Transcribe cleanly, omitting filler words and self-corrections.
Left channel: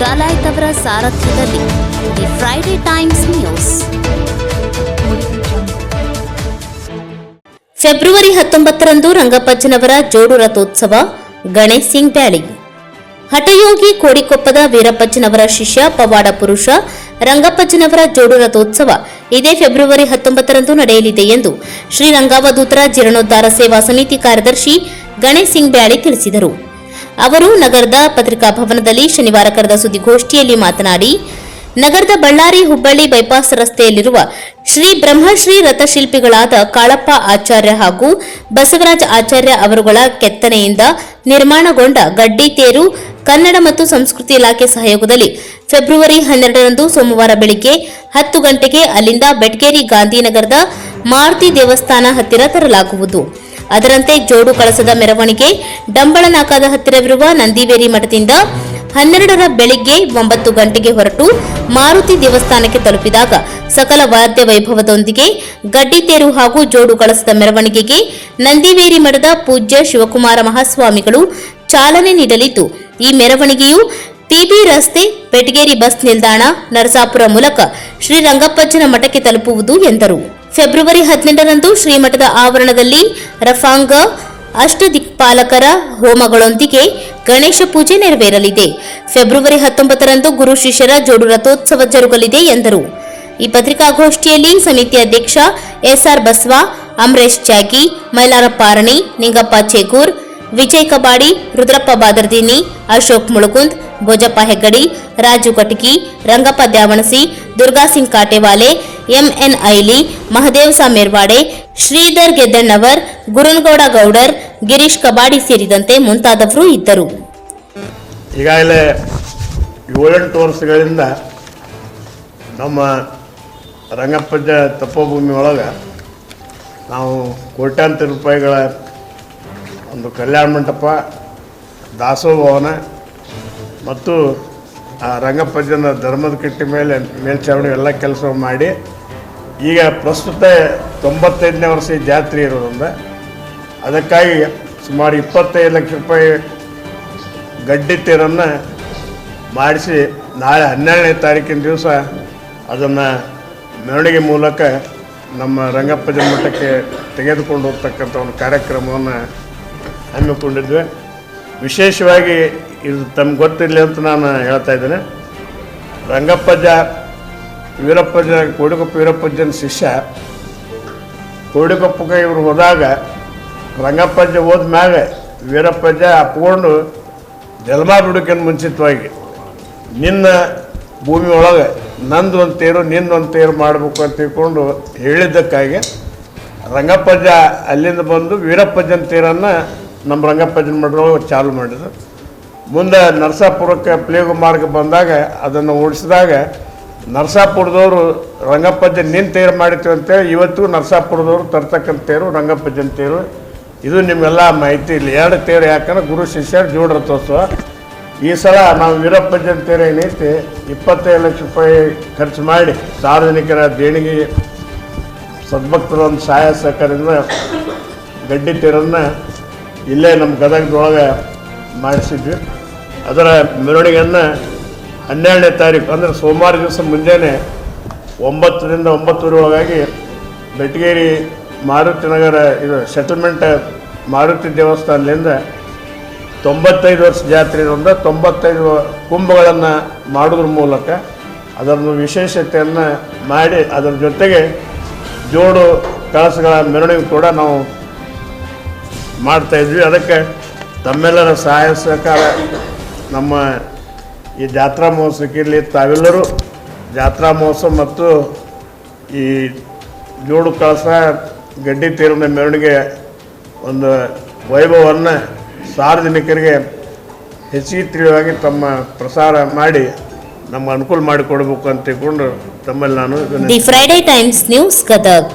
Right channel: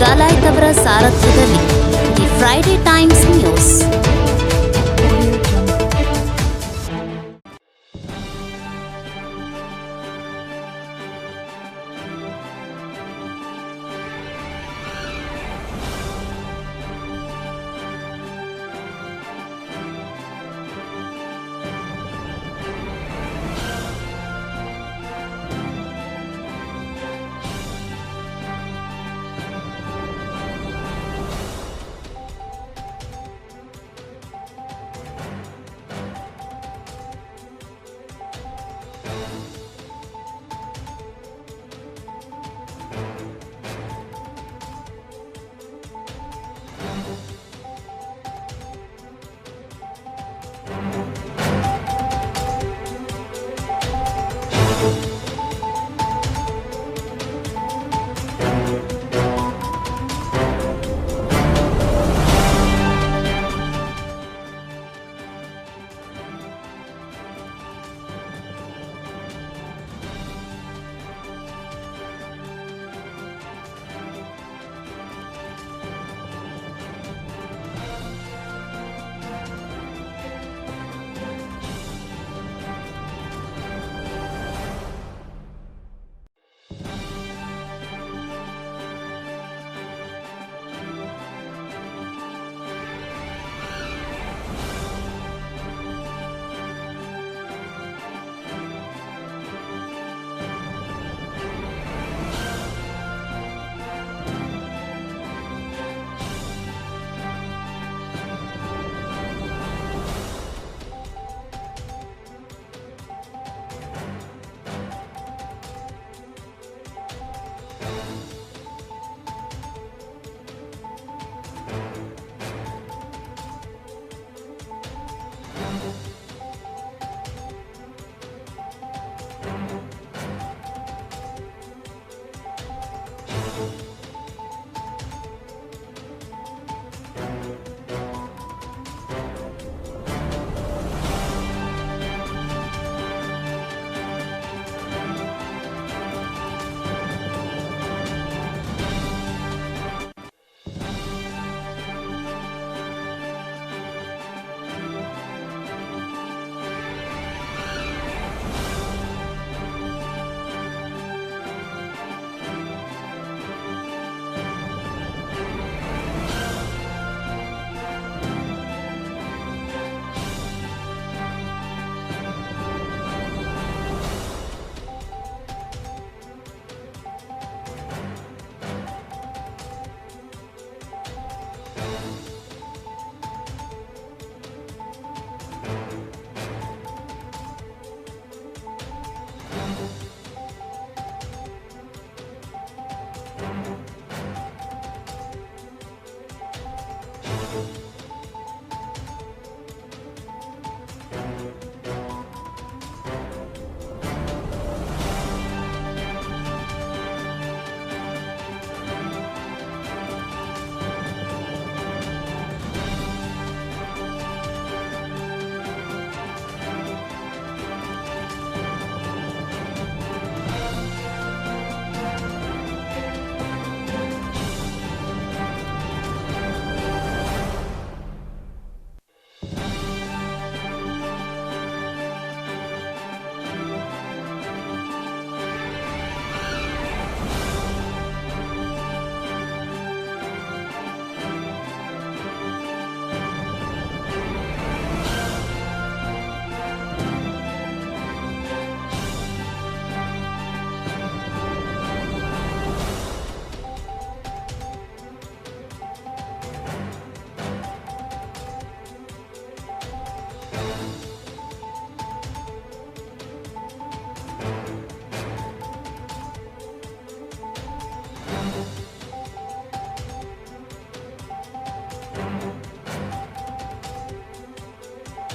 ಡಾಲಾಯ್ತ್ ಅವರ ಸಾರಥ್ಯದಲ್ಲಿ the Friday Times News. ಫೆಬ್ರವರಿ 19ರಂದು ರಂಗಪ್ಪಜ್ಜನವರ ಜೋಡು ರಥೋತ್ಸವ. ಗಣೇಶ್ ಸಿಂಗ್ ಬ್ಯಾಳಿ. ಹಠಯೋಗಿ ಕೋಡಿಕೊಪ್ಪದ ವೀರಪ್ಪಜ್ಜನವರ ಶಿಷ್ಯ ಪವಾಡ ಪುರುಷ ರಂಗಪ್ಪಜ್ಜನವರ ಜೋಡು ರಥೋತ್ಸವ ಇದೇ ಫೆಬ್ರವರಿ 19ರಂದು ನಡೆಯಲಿದೆ ಎಂದು ಶ್ರೀ ರಂಗಾವಧೂತರ ಜೀರ್ಣೋದ್ಧಾರ ಸೇವಾ ಸಮಿತಿ ಕಾರ್ಯದರ್ಶಿ ಗಣೇಶ್ ಸಿಂಗ್ ಬ್ಯಾಳಿ ತಿಳಿಸಿದರು. ಅವರು ನಗರದ ಪತ್ರಿಕಾ ಭವನದಲ್ಲಿ ಶನಿವಾರ ಕರೆದ ಸುದ್ದಿಗೋಷ್ಠಿಯಲ್ಲಿ ಮಾತನಾಡಿ, ನಗರದ ಬಳ್ಳಾರಿ ಹುಬ್ಬಳ್ಳಿ ಬೈಪಾಸ್ ರಸ್ತೆಯಲ್ಲಿರುವ ಶ್ರೀ ಬ್ರಹ್ಮಶ್ರೀ ರಥಶಿಲ್ಪಿಗಳಾದ ಕಾಳಪ್ಪ ಆಚಾರ್ಯ ಹಾಗೂ ಬಸವರಾಜ ಆಚಾರ್ಯ ಅವರುಗಳ ಕೆತ್ತನೆಯಿಂದ ನಿರ್ಮಾಣಗೊಂಡ ಗಡ್ಡಿ ತೇರು ಕನ್ನಡ ಮತ್ತು ಸಂಸ್ಕೃತಿ ಇಲಾಖೆ ಸಹಯೋಗದಲ್ಲಿ ಫೆಬ್ರವರಿ 12ರಂದು ಸೋಮವಾರ ಬೆಳಿಗ್ಗೆ 10 ಗಂಟೆಗೆ ಅಲ್ಲಿಂದ ಬೆಟ್ಗೇರಿ ಗಾಂಧಿನಗರದ ಮಾರುತಿ ದೇವಸ್ಥಾನ ಹತ್ತಿರ ತರಲಾಗುವುದು. ಅದರಂತೆ ಜೋಡು ಕಳಸದ ಮೆರವಣಿಗೆ ಡಂಬಳನಾಕಾದ ಹತ್ತಿರವಿರುವ ನಂದಿವೇರಿ ಮಠದಿಂದ 12ರ ಬೆಳಿಗ್ಗೆ 9 ಗಂಟೆಗೆ ಹೊರಟು ಮಾರುತಿ ದೇವಸ್ಥಾನಕ್ಕೆ ತಲುಪಿದಾಗ ಸಕಲ ವಾದ್ಯ ವೈಭವದೊಂದಿಗೆ ಗಡ್ಡಿ ತೇರು ಹಾಗೂ ಜೋಡು ಕಳಸದ ಮೆರವಣಿಗೆಗೆ ನಂದಿವೇರಿ ಮಠದ ಪೂಜ್ಯ ಶಿವಕುಮಾರ ಮಹಾಸ್ವಾಮಿಗಳು ಚಾಲನೆ ನೀಡಲಿದ್ದು, ಈ ಮೆರವಣಿಗೆಯು ಪಿಬಿ ರಸ್ತೆ, ಬೆಟ್ಗೇರಿ ಬಸ್ ನಿಲ್ದಾಣ, ನರಸಾಪುರ ಮೂಲಕ ಶ್ರೀ ರಂಗಪ್ಪಜ್ಜನ ಮಠಕ್ಕೆ ತಲುಪುವುದು ಎಂದರು. ಫೆಬ್ರವರಿ 18ರಂದು ಶ್ರೀಮಠದ ಆವರಣದಲ್ಲಿ ರಫಾಂಗ ಅಷ್ಟದಿಕ್ಪಾಲಕರ ಹೋಮಗಳೊಂದಿಗೆ ಗಣೇಶ ಪೂಜೆ ನೆರವೇರಲಿದೆ. ಫೆಬ್ರವರಿ 19ರಂದು ಗುರು ಶಿಷ್ಯರ ಜೋಡು ರಥೋತ್ಸವ ಜರುಗಲಿದೆ ಎಂದರು. ಈ ಪತ್ರಿಕಾಗೋಷ್ಠಿಯಲ್ಲಿ ಸಮಿತಿ ಅಧ್ಯಕ್ಷ ಎಸ್ಆರ್ ಬಸವ, ಅಮರೇಶ್ ಚಾಗಿ, ಮೈಲಾರಪ್ಪ ಆರಣಿ, ನಿಂಗಪ್ಪ ಚೇಗೂರ್, ವಿಜಯ್ ಕಬಾಡಿ, ರುದ್ರಪ್ಪ ಬಾದರ್ದಿನಿ, ಅಶೋಕ್ ಮುಳುಗುಂದ್, ಭೋಜಪ್ಪ ಹೆಗ್ಗಡಿ, ರಾಜು ಕಟಕಿ, ರಂಗಪ್ಪ ದ್ಯಾವಣಸಿ, ದುರ್ಗಾ ಸಿಂಗ್ ಕಾಟೆವಾಲೆ, ಎಂಎನ್ ಐಲಿ, ಮಹದೇವ್ ಸಾಮೇರ್ವಾಡೆ, ಶ್ರೀಧರ್ ಗೆದ್ದಣ್ಣವರ್, ಗುರುನಗೌಡ ಗೌಡರ್, ಗಿರೀಶ್ ಕಬಾಡಿ ಸೇರಿದಂತೆ ಮುಂತಾದವರು ಇದ್ದರು. ಈಗಾಗಲೇ 7-8 ವರ್ಷಗಳಿಂದ ನಮ್ಮ ರಂಗಪ್ಪಜ್ಜ ತಪೋಭೂಮಿ ಒಳಗೆ ನಾವು ಕೋಟ್ಯಾಂತರ ರೂಪಾಯಿಗಳ ಒಂದು ಕಲ್ಯಾಣ ಮಂಟಪ, ದಾಸೋಭವನ ಮತ್ತು ಆ ರಂಗಪ್ಪಜ್ಜನ ಧರ್ಮದ ಕಟ್ಟಿ ಮೇಲೆ ಮೇಲ್ಛಾವಣಿ ಎಲ್ಲ ಕೆಲಸ ಮಾಡಿ ಈಗ ಪ್ರಸ್ತುತ 95ನೇ ವರ್ಷ ಈ ಜಾತ್ರೆ ಇರೋದ್ರಿಂದ ಅದಕ್ಕಾಗಿ ಸುಮಾರು 25 ಲಕ್ಷ ರೂಪಾಯಿ ಗಡ್ಡಿ ತೇರನ್ನು ಮಾಡಿಸಿ ನಾಳೆ 12ನೇ ತಾರೀಕಿನ ದಿವಸ ಅದನ್ನು ಮೆರವಣಿಗೆ ಮೂಲಕ ನಮ್ಮ ರಂಗಪ್ಪಜ್ಜನ ಮಠಕ್ಕೆ ತೆಗೆದುಕೊಂಡು ಹೋಗ್ತಕ್ಕಂಥ ಒಂದು ಕಾರ್ಯಕ್ರಮವನ್ನು ಹಮ್ಮಿಕೊಂಡಿದ್ವಿ. ವಿಶೇಷವಾಗಿ ಇದು ತಮ್ಗೆ ಗೊತ್ತಿರಲಿ ಅಂತ ನಾನು ಹೇಳ್ತಾ ಇದ್ದೇನೆ. ರಂಗಪ್ಪಜ್ಜ ವೀರಪ್ಪಜ್ಜ ಕೋಡಿಕೊಪ್ಪ ವೀರಪ್ಪಜ್ಜನ ಶಿಷ್ಯ. ಕೋಡಿಕೊಪ್ಪಕ್ಕೆ ಇವರು ಹೋದಾಗ ರಂಗಪ್ಪಜ್ಜ ಹೋದ ಮ್ಯಾಗ ವೀರಪ್ಪಜ್ಜ ಅಪ್ಕೊಂಡು ಜನ್ಮ ಬಿಡೋಕ್ಕಿಂತ ಮುಂಚಿತವಾಗಿ ನಿನ್ನ ಭೂಮಿ ಒಳಗೆ ನಂದು ಒಂದು ತೇರು ನಿಂದೊಂದು ತೇರು ಮಾಡಬೇಕು ಅಂತ ತಿಳ್ಕೊಂಡು ಹೇಳಿದ್ದಕ್ಕಾಗಿ ರಂಗಪ್ಪಜ್ಜ ಅಲ್ಲಿಂದ ಬಂದು ವೀರಪ್ಪಜ್ಜನ ತೇರನ್ನು ನಮ್ಮ ರಂಗಪ್ಪಜ್ಜನ ಮಠದೊಳಗೆ ಚಾಲು ಮಾಡಿದ್ರು. ಮುಂದೆ ನರಸಾಪುರಕ್ಕೆ ಪ್ಲೇಗು ಮಾರ್ಗ ಬಂದಾಗ ಅದನ್ನು ಓಡಿಸಿದಾಗ ನರಸಾಪುರದವರು ರಂಗಪ್ಪಜ್ಜನ ನಿನ್ನ ತೇರು ಮಾಡಿತೀವಿ ಅಂತೇಳಿ ಇವತ್ತು ನರಸಾಪುರದವರು ತರ್ತಕ್ಕಂಥ ತೇರು ರಂಗಪ್ಪಜ್ಜನ ತೇರು. ಇದು ನಿಮ್ಮೆಲ್ಲ ಮಾಹಿತಿ. ಇಲ್ಲಿ 2 ತೇರು ಯಾಕಂದ್ರೆ ಗುರು ಶಿಷ್ಯರ ಜೋಡು ರಥೋತ್ಸವ. ಈ ಸಲ ನಾವು ವೀರಪ್ಪಜ್ಜನ ತೇರು ಏನೈತಿ 25 ಲಕ್ಷ ರೂಪಾಯಿ ಖರ್ಚು ಮಾಡಿ ಸಾರ್ವಜನಿಕರ ದೇಣಿಗೆ ಸದ್ಭಕ್ತರ ಒಂದು ಸಹಾಯ ಸಹಕಾರದಿಂದ ಗಡ್ಡಿ ತೇರನ್ನು ಇಲ್ಲೇ ನಮ್ಮ ಗದಗದೊಳಗೆ ಮಾಡಿಸಿದ್ವಿ. ಅದರ ಮೆರವಣಿಗೆಯನ್ನು 12ನೇ ತಾರೀಕು ಅಂದರೆ ಸೋಮವಾರ ದಿವಸ ಮುಂಜಾನೆ 9ರಿಂದ 9:30 ಒಳಗಾಗಿ ಬೆಟ್ಗೇರಿ ಮಾರುತಿ ನಗರ ಇದು ಸೆಟಲ್ಮೆಂಟ್ ಮಾರುತಿ ದೇವಸ್ಥಾನದಿಂದ 95 ವರ್ಷ ಜಾತ್ರೆ ಇರೋದ್ರಿಂದ 95 ಕುಂಭಗಳನ್ನು ಮಾಡೋದ್ರ ಮೂಲಕ ಅದನ್ನು ವಿಶೇಷತೆಯನ್ನು ಮಾಡಿ ಅದರ ಜೊತೆಗೆ ಜೋಡು ಕಳಸಗಳ ಮೆರವಣಿಗೆ ಕೂಡ ನಾವು ಮಾಡ್ತಾಯಿದ್ವಿ. ಅದಕ್ಕೆ ತಮ್ಮೆಲ್ಲರ ಸಹಾಯ ಸಹಕಾರ ನಮ್ಮ ಈ ಜಾತ್ರಾ ಮಹೋತ್ಸವಕ್ಕೆ ಇರಲಿ. ತಾವೆಲ್ಲರೂ ಜಾತ್ರಾ ಮಹೋತ್ಸವ ಮತ್ತು ಈ ಜೋಡು ಕಳಸ ಗಡ್ಡಿ ತೇರಿನ ಮೆರವಣಿಗೆ ಒಂದು ವೈಭವವನ್ನು ಸಾರ್ವಜನಿಕರಿಗೆ ಹೆಚ್ಚಿಗೆ ತಿಳಿವಾಗಿ ತಮ್ಮ ಪ್ರಸಾರ ಮಾಡಿ ನಮ್ಗೆ ಅನುಕೂಲ ಮಾಡಿಕೊಡ್ಬೇಕು ಅಂತ ತಿಳ್ಕೊಂಡು ತಮ್ಮಲ್ಲಿ ನಾನು the Friday Times news Gadag.